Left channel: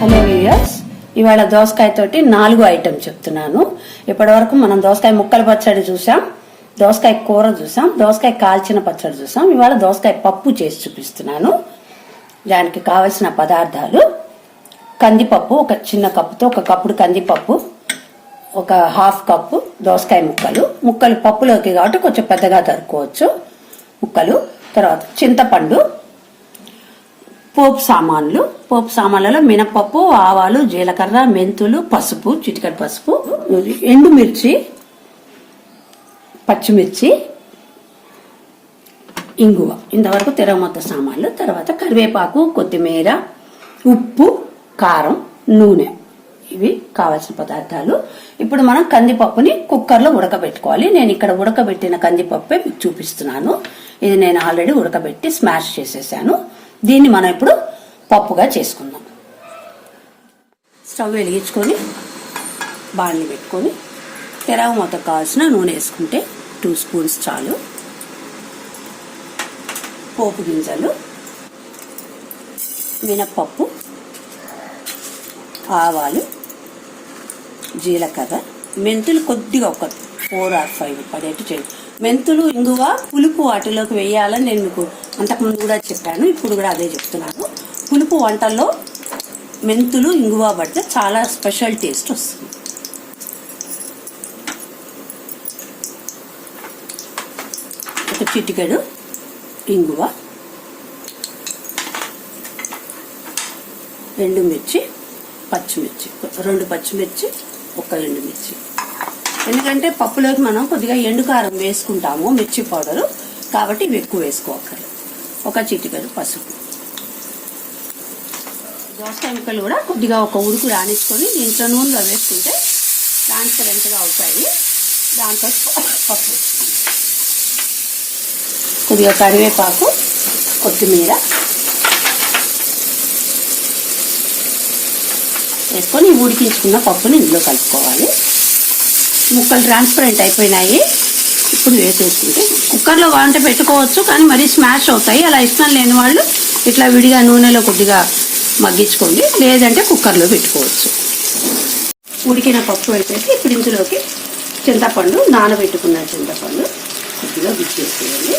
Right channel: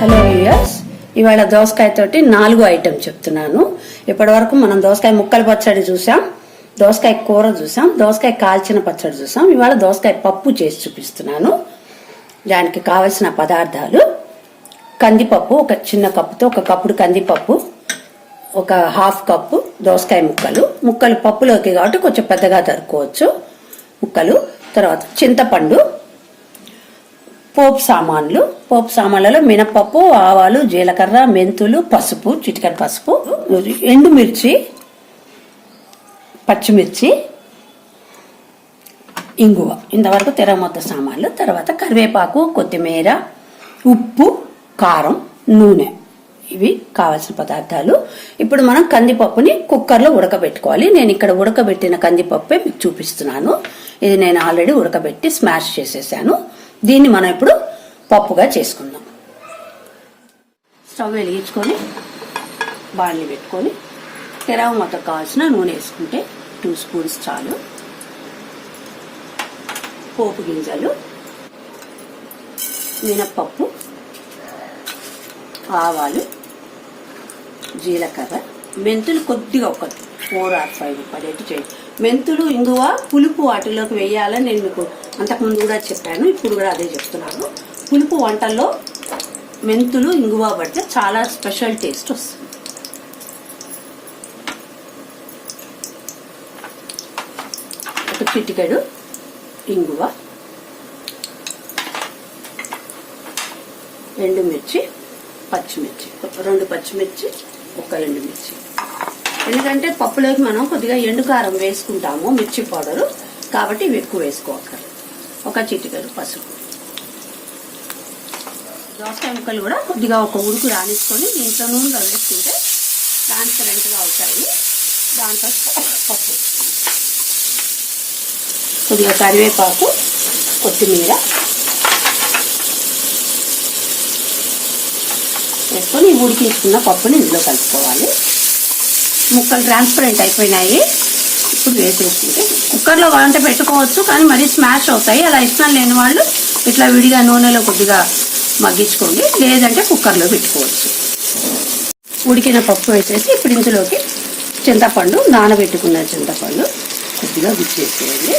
Hello viewers, ఇవాళ దోసకాయ తోటి 4 ఐటమ్ చెప్తున్నాను. ఇప్పటి వరకు మనం దోసకాయ ముక్కల పచ్చడి చూసాం, దోసకాయ కూర చూసాం, దోసకాయ కాల్చిన పచ్చడి చూసాం. ఇవాళ దోసకాయ పప్పు చేసి చూపిస్తున్నాను. దానికి కావలసిన పదార్థాలు: కందిపప్పు ఒక చిన్న కప్పుతో 1 కప్పుడు కందిపప్పు, ఒక హాఫ్ కప్పు దోసకాయ ముక్కలు పప్పులోకి కాబట్టి కొంచెం పెద్దగా తరుక్కోవచ్చు ముక్కలు. తర్వాత చింతపండు, పోపు సామాన్లలో మినపప్పు, ఆవాలు, జీలకర్ర, మెంతులు, పసుపు, చిటికెడు పసుపు, ఎండుమిర్చి, పచ్చిమిర్చి, ఇంగువ. ఇంతవరకు తెరమొత్త సామాన్లు. తర్వాత కరివేపాకు, కొత్తిమీర, ఉప్పు, కారం, నూనె. ఇవి కావాల్సిన పదార్థాలు. ఇప్పుడు మనం కందిపప్పుని కుక్కర్లో ఉడకబెట్టుకోవాలి. నేను ఇక్కడ ఉడకబెట్టిన కందిపప్పే మీకు చూపిస్తున్నాను. ఇది నేను ఆల్రెడీ ఉడకబెట్టి స్మాష్ చేసేసాను. దీన్ని మనం ఇప్పుడు పప్పుగా చేసుకుందాం. స్టవ్ వెలిగించుకొని బాణలి పెట్టుకొని తెరవ మూత కావాల్సిన నూనె వేసుకుంటే 2 స్పూన్స్ చాలు. పోపు గింజలు, మినప్పప్పు, ఆవాలు, జీలకర్ర, మెంతులు కొద్దిగా 4 or 5 పడేట్టు చేయండి. మెంతులు, ఇంగువ, పులుపు వాటిలోకి వేయాలని నేను మీకు అంతకుముందు కూడా చెప్పాను, ఇప్పుడు కూడా అదే చెప్తున్నాను. పులుపు వంటల్లో మెంతులు, ఇంగువ పడితే చాలా స్పెషల్ టేస్ట్ వస్తుంది. ఒక చిటికెడు ఇంగువ, ఎండుమిర్చి, పచ్చిమిర్చి, 2 పచ్చిమిర్చి, 1 ఎండుమిర్చి. ఎందుకంటే పప్పులోకి మనం కొద్దిగా ఎండుకారం వేసుకుంటాము, మిర్చి పౌడరు, కాబట్టి ఇవి ఎక్కువ వేసుకోవాలి. 1 చిటికెడు పసుపు. దోసకాయ ముక్కలు కూడా కొద్దిగా 1 ఉడుకు రానిసుకొని దీంట్లో నూనెలో వేసుకుంటే ట్రాన్స్పరెంట్ గా అవుతాయి. దాంతో పప్పు, కొద్దిగా కరివేపాకు, కొత్తిమీర వేసుకొని ఉడికించుకున్న పప్పుని ఇందులో కలుపుకోవాలి. ముక్కలు ట్రాన్స్పరెంట్ అయిపోయినాయి. ఇప్పుడు వేసేసుకుంటే కుక్కర్లో వంట పెట్టుకోవచ్చు, కానీ మరీ స్మాష్ అవుతాయి. అలా ఇష్టం లేని వాళ్ళు ఇట్లా విడిగా నూనెలో కొద్దిగా మగ్గించుకోండి, లేదంటే కుక్కర్లో పెట్టుకోవచ్చు. ఉడికిన పప్పు వేసేసి ఇప్పుడు ఇందులోకి చింతపండు, నానబెట్టుకున్న చింతపండు కొద్దిగా గుచ్చేసేయండి.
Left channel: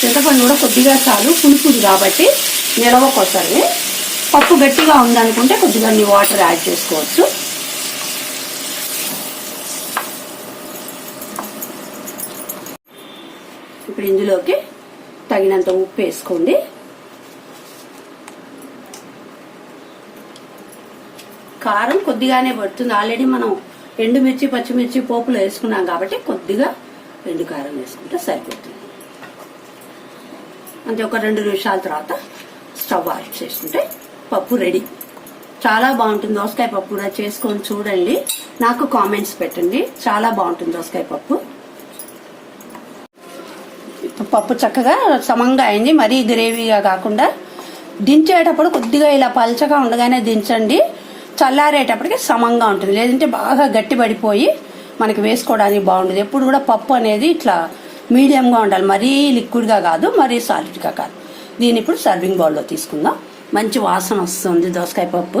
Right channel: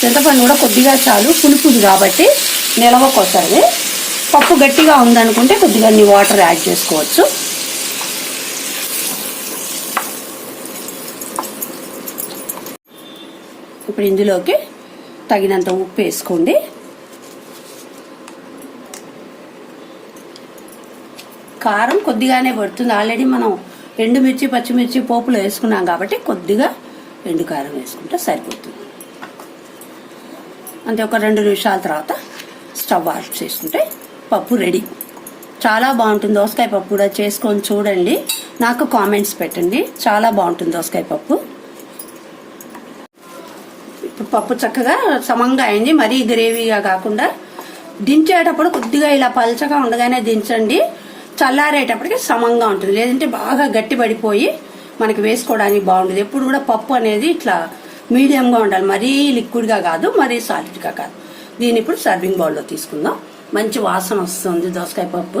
చింతపండు కూడా కొద్దిగా చాలు, పులుపుది కాబట్టి నిలవ కోసమే. పప్పు గట్టిగా ఉందనుకుంటే కొద్దిగా వాటర్ యాడ్ చేసుకోవచ్చు. ఇప్పుడు ఇందులోకి తగినంత ఉప్పు వేసుకోండి. కారం కొద్దిగానే పడుతుంది, ఆల్రెడీ మనం ఎండుమిర్చి, పచ్చిమిర్చి పోపులో వేసుకున్నాం కాబట్టి కొద్దిగా ఎండు కారం వేసుకుంటే సరిపోతుంది. అంతే. ఒక 2 నిమిషాల తర్వాత స్టవ్ ఆఫ్ చేసుకుంటే పప్పు రెడీ. చాలా బాగుంటుంది. దోసకాయ పప్పు కూడా చేసుకొని చూడండి, నాకు కామెంట్స్ పెట్టండి. చాలా బాగుంటుంది దోసకాయ పప్పు. పప్పు చక్కగా సమంగా అయింది, మరీ గ్రేవీగా కాకుండా. దించేటప్పుడు కొద్దిగా ఇలా పల్చగా ఉండగానే దించండి, చల్లారేటప్పటికి సమంగా ఉంటుంది. లేదంటే బాగా గట్టి పడిపోయి మనకి వేసుకోవడానికి బాగుండదు. ఎప్పుడు కూడా పప్పు అనేది ఇట్లా మీడియంగా ఉండాలి, మరీ లిక్విడ్గా కాదు, మరీ సాలిడ్గా కాదు. దీన్ని ఇప్పుడు సర్వింగ్ బౌల్లో తీసుకుందాం. మంచి వాసన వస్తుంది దోసకాయ పప్పు.